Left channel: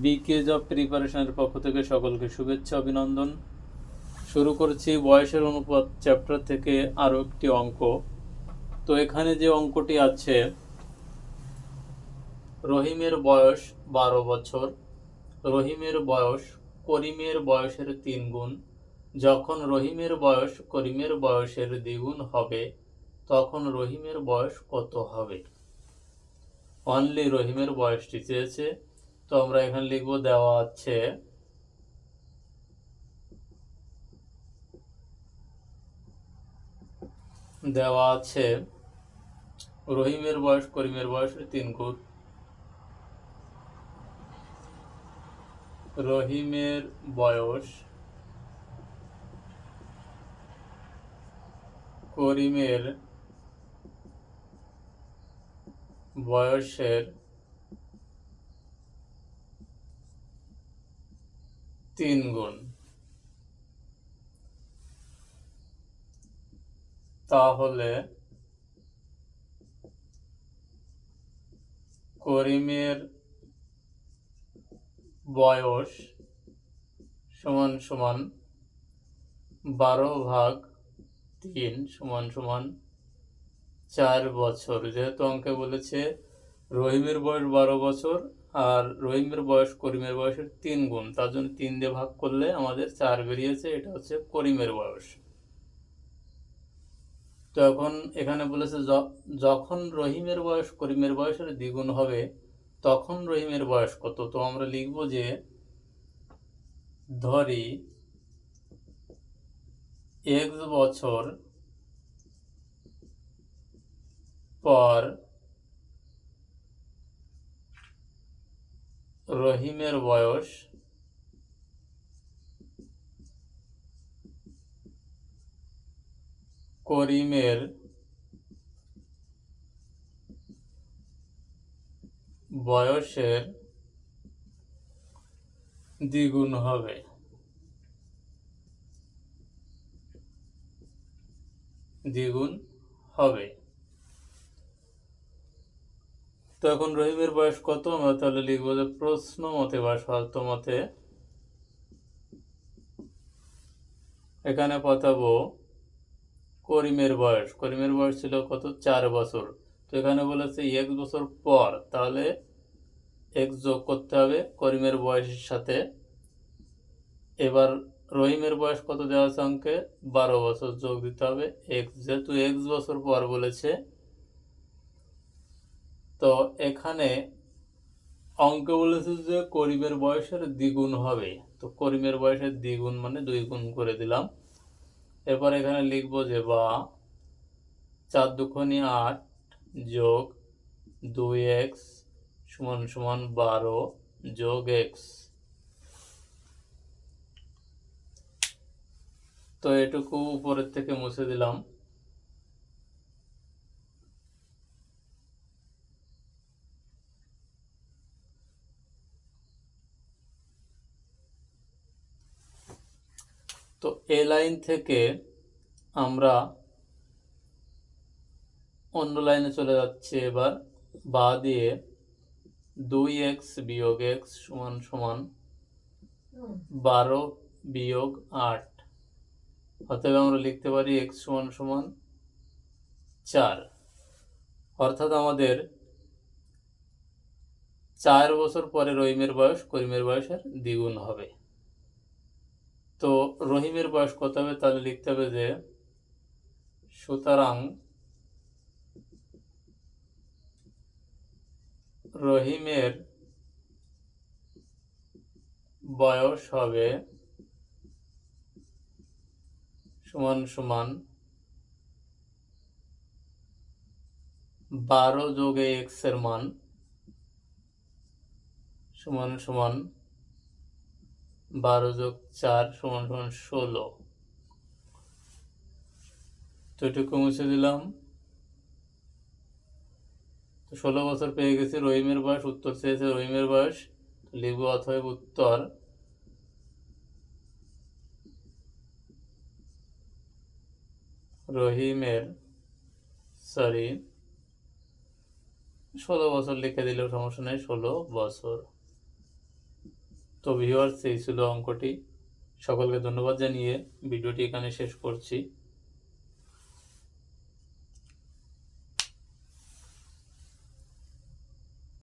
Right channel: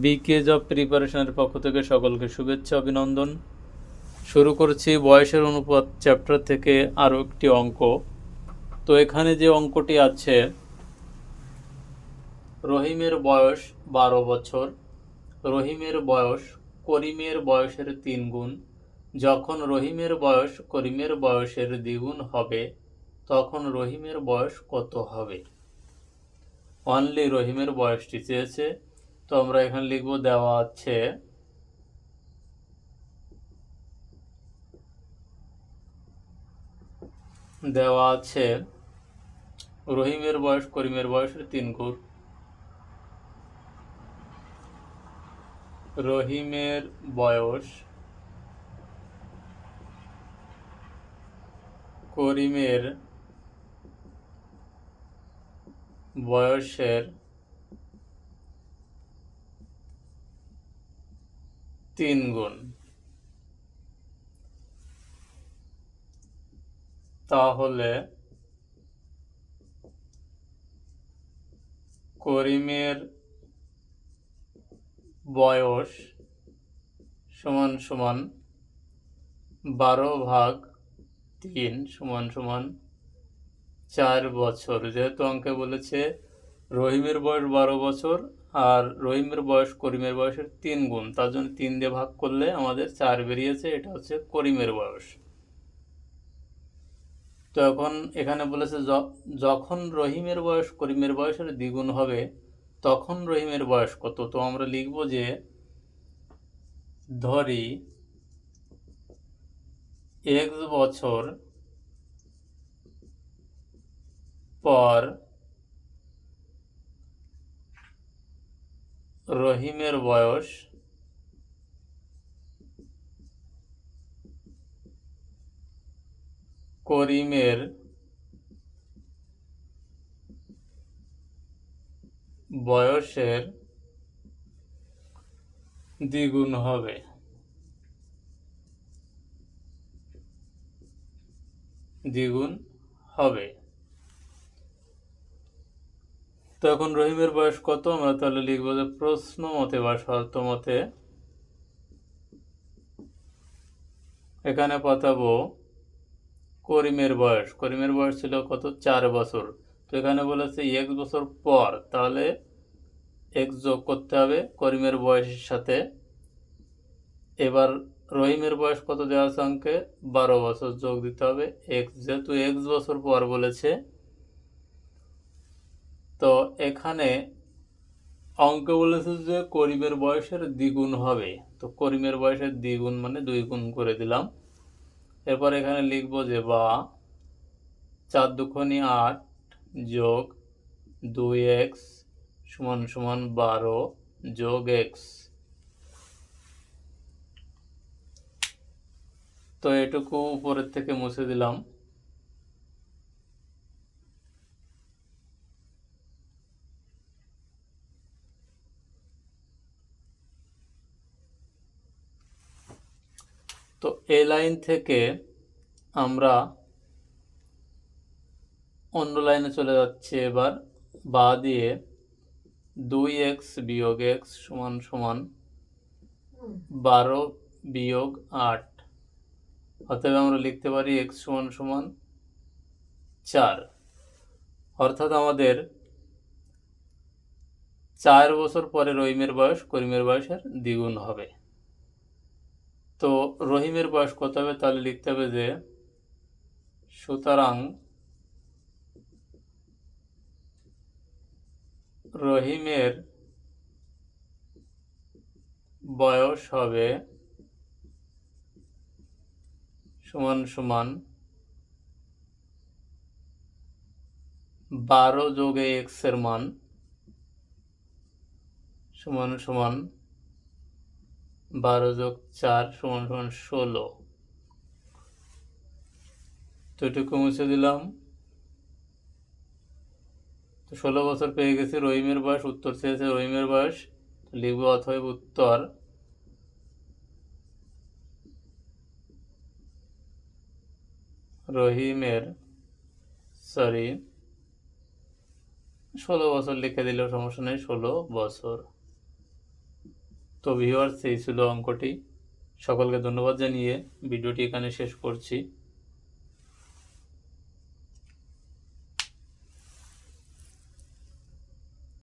বিকে job প্রিপারেশনের পক্ষ থেকে সকলকে শুভেচ্ছা, অভিনন্দন। শুরু করছি বয়সের অনুপাত চ্যাপ্টার থেকে আরও একটি অঙ্ক। তো এখানে যে অঙ্কটি আছে, রহিমের বয়স বারো বছর। রহিমের বয়স করিমের বয়সের তিন গুণ। যখন রহিমের বয়স করিমের বয়সের দ্বিগুণ হবে, তখন রহিমের বয়স কত হবে? অনলি রহিমের বয়সটি চেয়েছে। তো আমরা এখানে লিখব দেওয়া আছে দেওয়া আছে রহিমের বয়স, করিমের বয়সের তিন গুণ। রহিমের বয়স, করিমের বয়সের তিন গুণ। তাহলে করিমের বয়স সমান সমান বারো ভাগ তিন সমান সমান চার বছর। যেহেতু অঙ্কে বলেছে রহিমের বয়স বারো বছর আর রহিমের বয়স করিমের বয়সের তিন গুণ। তার জন্য তিন দিয়ে ভাগ করলে আমাদের চার বেরিয়েছে, এটা হচ্ছে করিমের বয়স। তো এখন এখানে বলেছে যখন রহিমের বয়স করিমের বয়সের দ্বিগুণ হবে, তখন রহিমের বয়স কত? তো আমরা লিখব যে, ধরি এক বছর পর রহিমের বয়স করিমের বয়সের দ্বিগুণ হবে। দ্বিগুণ হবে। তখন রহিমের বয়স কত? আমরা তাহলে লিখব যে প্রশ্ন মতে বা শর্ত মতে এখানে পাতাবো করিমের বয়স। করিমের বয়স ছিল কত? চার বছর। তো এখানে বলেছে এক বছর পর। তাহলে এক যোগ করতে হবে করিমের বয়সের সাথে। এবার রহিমের বয়স কত দেওয়া আছে অঙ্কে? বারো বছর যোগ দিতে হবে। এক, যেহেতু এক বছর পর বলেছে তো এখানে অঙ্কে বলেছে যে করিমের বয়সের দ্বিগুণ হবে। তো করিমের বয়সের দ্বিগুণ মানে দুই গুণ করে দিলাম। এরপর এখানে লিখব যে বা চার দুখনি আট যোগ দুই এক্স সমান সমান বারো যোগ এক্স। তো এটুকু উপরের থেকে মুছে দিলাম। তো এ লাইন থেকে আমরা অন্য লাইনে চলে যাচ্ছে এবার। বা দিয়ে দুই এক্স বিয়োগ এক্স সমান সমান বারো বিয়োগ আট। অতএব আমরা লিখতে পারি এক্স সমান সমান চার। অর্থাৎ আমাদের চার বছর পরে রহিমের বয়স, করিমের বয়সের দ্বিগুণ হবে। তো রহিমের বয়স কত হবে তাহলে লিখতে হবে যে, সুতরাং রহিমের বয়স হবে সমান সমান বারো যোগে এক্সের মান সমান সমান বারো যোগ চার সমান সমান ষোলো। তো এটুকু মুছে দিলাম। তো ষোলো বছর পেয়ে গেছি, রহিমের বয়স উত্তর চেয়েছে রহিমের বয়স। লিখব অথবা উত্তর। রহিমের সরি ষোলো বছর লিখে দিলেও সমস্যা নেই, ষোলো বছর। তো ভিউয়ার্স এই ছিল অঙ্কটি। সকলকে ধন্যবাদ জানিয়ে ভিডিওটি এখানে শেষ করছি।